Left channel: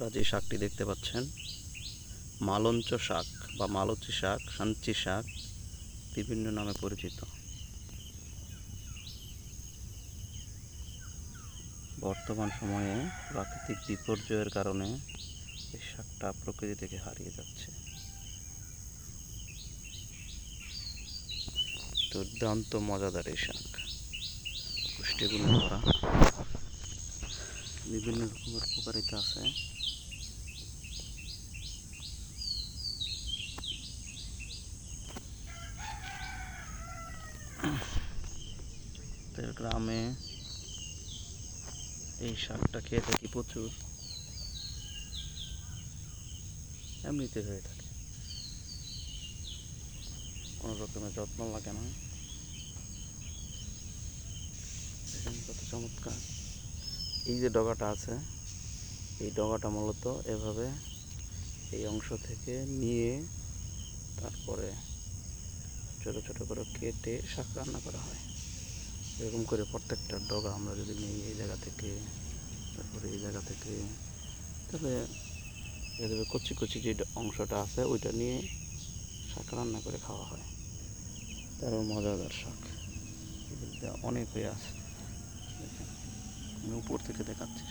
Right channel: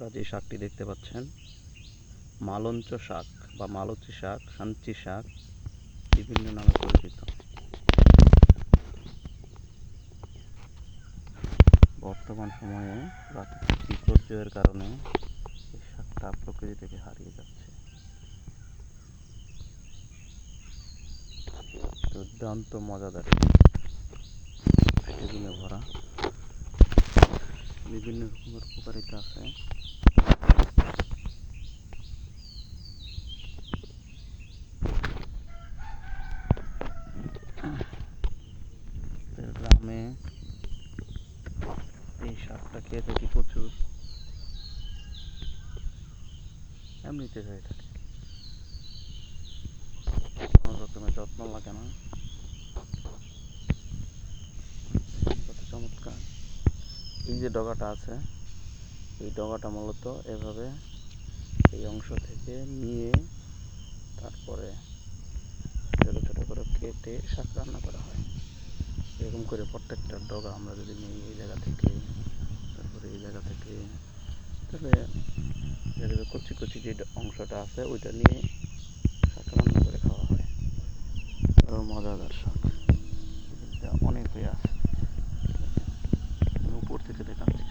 আপনারা যে শাকটি দেখতে পাচ্ছেন মালঞ্চ শাক বা মালচি শাক, সাঞ্চি শাক বিভিন্ন নামে পরিচিত। বর্তমান সময়ে প্রাকৃতিক বিপর্যয়ের কারণে এই শাকটা প্রকৃতি থেকে হারিয়ে যাচ্ছে। দুর্দান্ত মজাদার এই শাক, পুষ্টিগুণে ভরা, বিভিন্ন রকমের উপকারিতা আছে। গ্রামে এই শাকটা খেয়ে থাকি প্রচুর, এমনিতে হয়ে থাকে, কোনো রকমের যত্ন লাগে না। কত চমৎকার! এই যে ডগাটা আছে, এই ডগাটা মূলত এভাবে এই অংশ থেকে নিয়ে তারপরে ছোটো ছোটো করে কেটে শাক রান্না করা হয়। এরকম করে প্রত্যেকটা ডগা আমরা যদি নিই এই জায়গা থেকে, তারপরে এই জায়গা থেকে, তাহলে এভাবে কচি কচি যে অংশটা আছে ওইটা নিয়ে শাক রান্না করে খাওয়া হয়। আরও মজাদার শাক, অনেক হয়ে আছে। আমি উপর থেকে দেখাচ্ছি।